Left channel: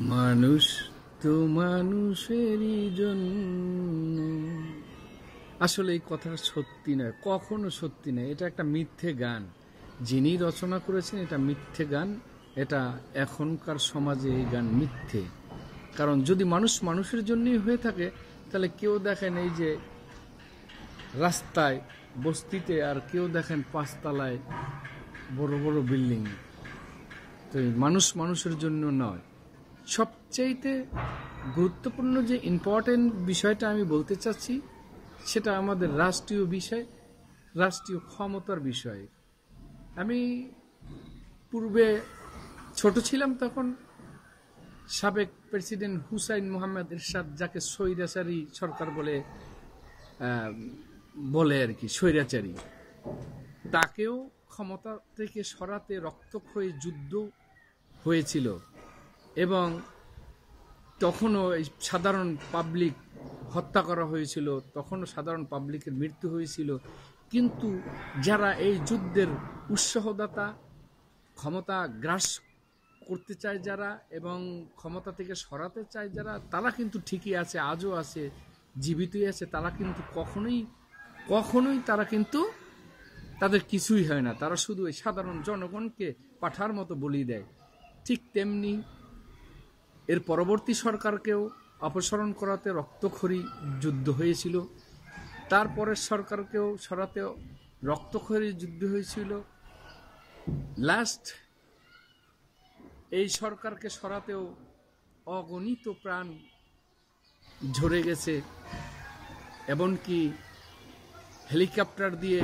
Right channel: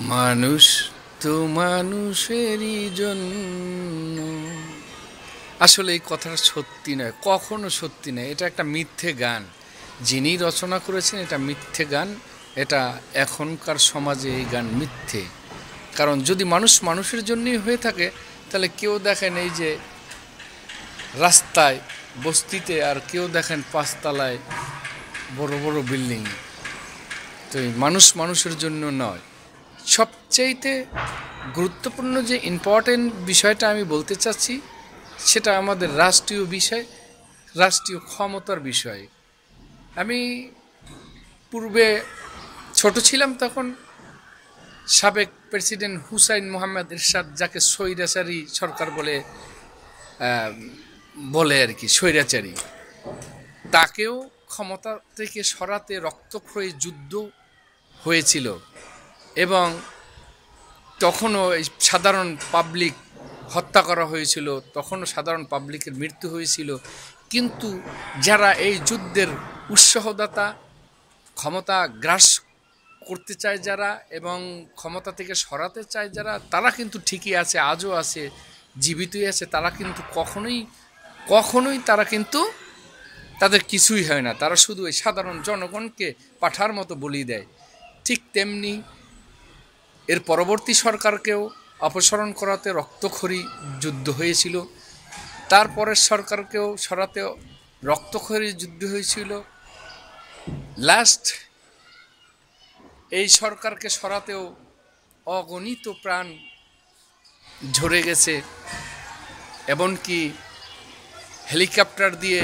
মানুষ তো মানুষেরই জন্য। আসলে এই কথাটা সত্যি নয়, কখনো সত্যি নয়। এটা একটা মিথ্যে গান। যিনি রচনা করেছেন এটা মিথ্যে গান। এটা এখনকার সমাজে এই গান মিথ্যে। কারণ যদি মানুষ মানুষের জন্যই হয়ে থাকে, তাহলে কেউ দেখেন এই যে রাস্তায় বস্তিতে, আর কেউ দেখেন পাঁচতলায় বড় বড় বিল্ডিং। তো এই মানুষ মানুষের জন্য নয়। সবচাইতে গুরুত্বপূর্ণ যে ইম্পর্টেন্ট বিষয়টা আমি বলতে চাচ্ছি, সেটা আমাদের রাষ্ট্রীয় বিষয়, রাষ্ট্রীয় ক্ষমতার বিষয়। আমি পূর্বে ছোট ছিলাম, তখন সাবেক প্রেসিডেন্ট হুসাইন মোহাম্মদ এরশাদ, যাকে স্বৈরাচারী সরকার বলে বলে আর কি, স্বৈরাচারী, তাকেও ক্ষমতা থেকে সরাতে রক্তক্ষয়ী যুদ্ধ হয়েছিল। এবং তখনও এই সাধারণ পাবলিক হত্যা করা হয়েছিল, তখনও সাধারণ পাবলিকের মৃত্যু হয়েছিল। কিন্তু যারা এই যুদ্ধের উৎসাহদাতা, ক্ষমতা গ্রাস করতে চায় যারা এবং ক্ষমতা থেকে সরাতে চায় যারা, তারা কিন্তু ঠিকই আছে, আজও আছে, জীবিতই আছে। তারা কিন্তু কখনোই কখনোই তারা কিন্তু তাদের কিছুই হয় না। তারা শুধু এই সাধারণ জনগণকে পাঠার মতো বলি দেয়। ঠিক তেমনি এর পরবর্তী সরকারকেও অপসারণ করাতে রক্তক্ষয়ী যুদ্ধ হয়েছিল, তারপরের সরকারকেও সরাতে রক্তক্ষয়ী যুদ্ধ হয়েছিল, লাস্ট এই সরকারকে সরাতেও অগণিত প্রাণ ঝরে গেছে। এমনকি হেলিকপ্টার দিয়ে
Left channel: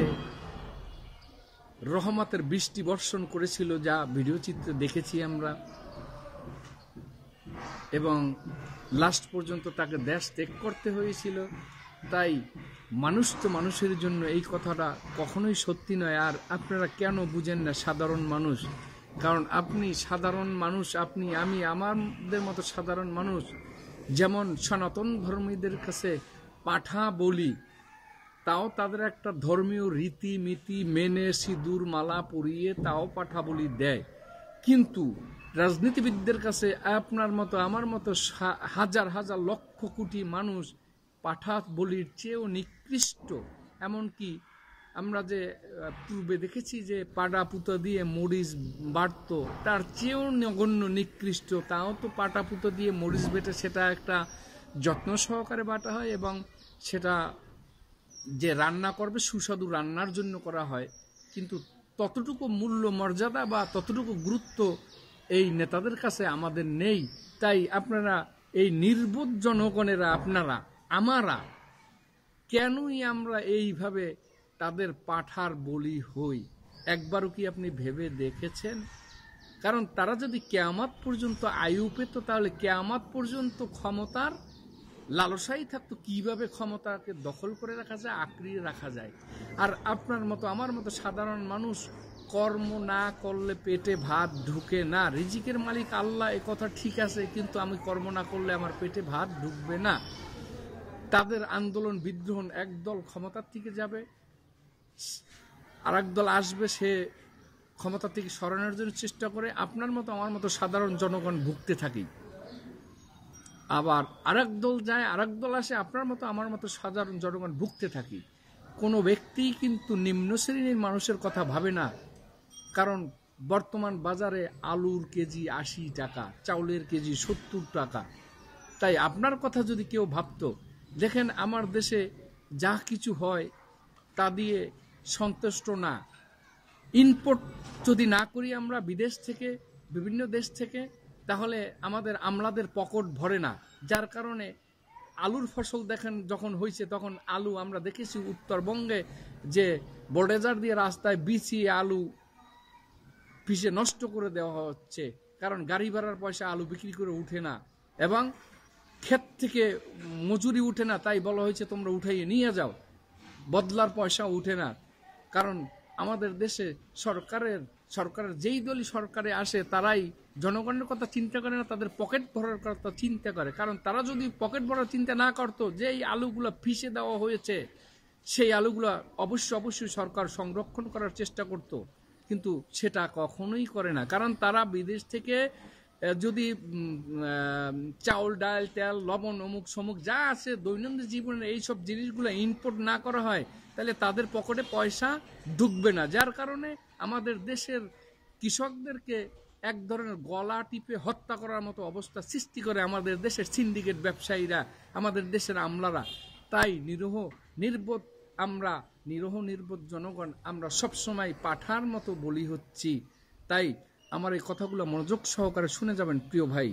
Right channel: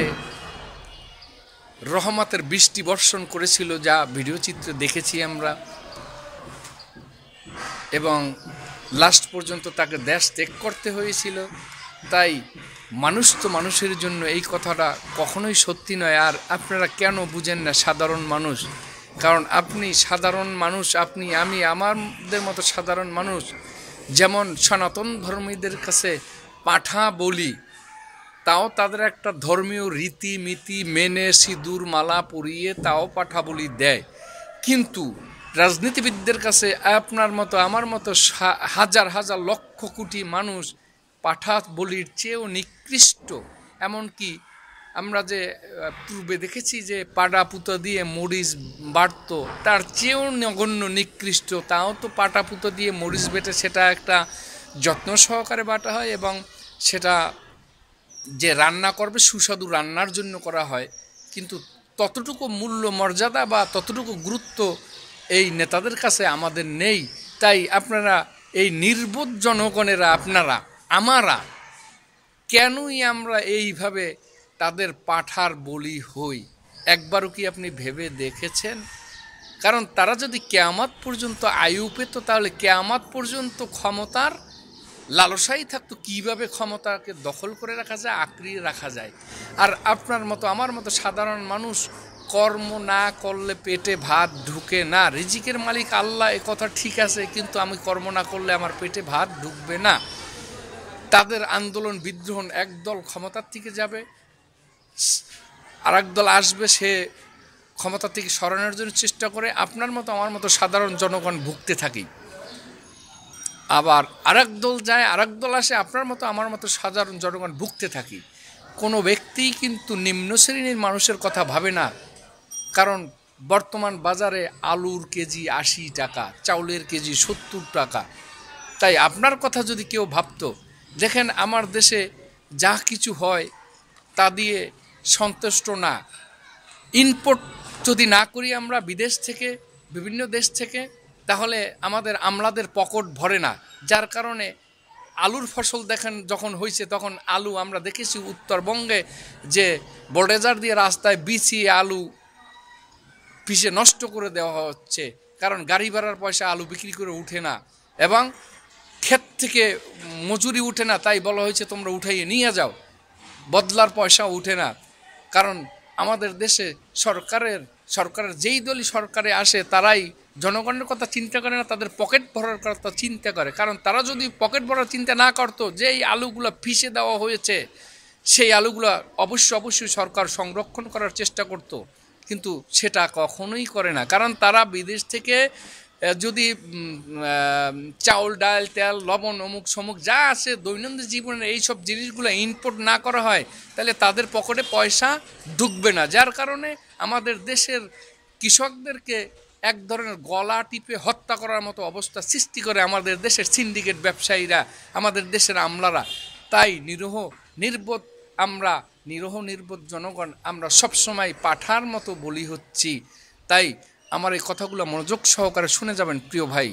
রহমতের বৃষ্টি বর্ষণ করেছিল, যা ভিডিও চিত্রে দেখেছি আমরা। এবং লাস্ট পর্যন্ত তাকে দেশ ত্যাগ করতে হয়েছিল। তাই মানুষ তো মানুষের জন্য, এই কথাটা কখনোই সত্যি নয়। আর আপনারা কেন বুঝেন না সাধারণ মানুষ? কারণ আপনি সাধারণ মানুষ, আপনি, আমি, আমাদের মতো সাধারণ মানুষ, যেমন সনাতন ধর্মীদের কাছে পাঠা বলি, তাও তাদের একটা ধর্মীয় রীতিনীতি মেনে সিঁদুর মালা পরিয়ে তাও পাঠা বলি দেয়। কিন্তু রাজনীতিবিদদের কাছে আপনার মতো আমার মতো হাজার হাজার লক্ষ কোটি মানুষ পাঠা বলির চেয়েও নিকৃষ্ট। এমনকি আমরা যে পূর্বে দেখেছি যে পাটা পুতো দিয়ে মরিচ বাড়ত, তার চেয়েও নগণ্য নিকৃষ্ট। তাও তো পাটা পুতো দিয়ে মরিচ বেটে সেটা একটা যত্ন সহকারে বাটা হয়, এবং সেটা যে রান্না করবে সুস্বাদু রান্নার জন্য করা হয়। কিন্তু ততটুকু মূল্য মর্যাদা বা ততটুকু গুরুত্ব এই নেতাদের কাছে আমাদের নেই। তাই আপনারা এই নির্বোধ জনগণেরা, আপনারা, আমরা, কেনই আমরা এইভাবে তাদের পাঠার বলি হই? একবারও কি আপনি ভেবে দেখেছেন? কারণ তারা যদি কেয়ামত পর্যন্ত আয়ু পেত, তাহলে কেয়ামত পর্যন্ত ক্ষমতার লালসাই থাকতো, কীভাবে ক্ষমতাকে দখল করে রাখা যায়, আঁকড়িয়ে রাখা যায়। আর আপনার মতো আমার মতো সাধারণ মানুষ কর্ম না করলে পেটে ভাত ঢুকে না। রিজিকের মালিক আল্লাহ, এ কথা ঠিক আছে, কিন্তু আমি কর্ম না করলে আমার পেটে ভাত ঢুকবে না। তাদের আন্দোলন বিদ্রোহ, একদল ক্ষমতার থেকে যাবে, আর একদল আসবে, সে ক্ষমতা থেকে সরানোর জন্য চেষ্টা করে। আপনার মতো আমার মতো সাধারণ জনগণ ভুগতে থাকি। আবার আরেক দল যায়, আরেক দল আসে, আপনার মতো আমার মতো সাধারণ জনগণ ভুগতে থাকি। কোনো ব্যক্তিই কিন্তু নিম্ন শ্রেণীর মানুষের কথা ভাবে না। কারণ বর্তমান বাজারে আলুর কেজি 80 টাকা, চাউলের কেজি 70 টাকা। তাই আপনার কথা যদি কেউ ভাবতো, দেখেন আমার দেশে যা কিছু হয় তা দিয়ে সন্তুষ্ট না। ইনপুট যদি না করি আমরা বিদেশ থেকে, বিভিন্ন দেশ থেকে, তাহলে আমাদের আমলাদের পকেট ভরে না। যার কারণে আলুর ফসল দেখেন যখন হয়েছে, তখন আলু আমরা দেখেছি উত্তরবঙ্গে যে বোল্ডোজার দিয়ে রাস্তায় বিছিয়ে আলু পিষে নষ্ট করে দেওয়া হচ্ছে। কারণ গাড়ি ভাড়ার পয়সা আলু বিক্রি করে উঠে না, এবং ক্ষেত থেকে মজুরি উঠে না, তাই বলা হয়েছে তোমরা উঠাইয়ে নিয়ে যাও, বদলার পয়সা উঠে না। কারণ আমাদের দেশে সরকারের যেই দলই সরকারে আসে, তারাই জনগণের কথা চিন্তা করে না, তাদের পকেট ভরার কথা চিন্তা করে। কারণ তারা যদি পকেট ভরার চিন্তা না করতো, যে এই আলুগুলো ফিসে দেওয়া হয়েছে, সেই আলুগুলো অবশ্যই সরকার সংরক্ষণ করার চেষ্টা করত। কিন্তু সেটা কখনোই করে না, কারণ তারা বিদেশ থেকে যদি চাউল ডাল তেল লবণ অমুক সমুক যা আছে দৈনন্দিন জীবনের এইসব জিনিসগুলো ইনপুট না করা হয়, তাহলে তাদের পকেটে পয়সা ঢুকবে না। যার কারণে আমাদের দেশের কৃষকদেরকে এক ধরনের গলা টিপে হত্যা করার মতো অবস্থা সৃষ্টি করে আমাদের দেশের সিন্ডিকেট ব্যবসায়ীরা, আমাদের দেশের আমলারা। তাই নিরীহ নির্বোধ জনগণ আমরা সবসময় পাঠার মতো বলি হচ্ছি। তাই আমার এই কথাগুলো মনোযোগ সহকারে শুনে যাবেন প্রিয় ভাই।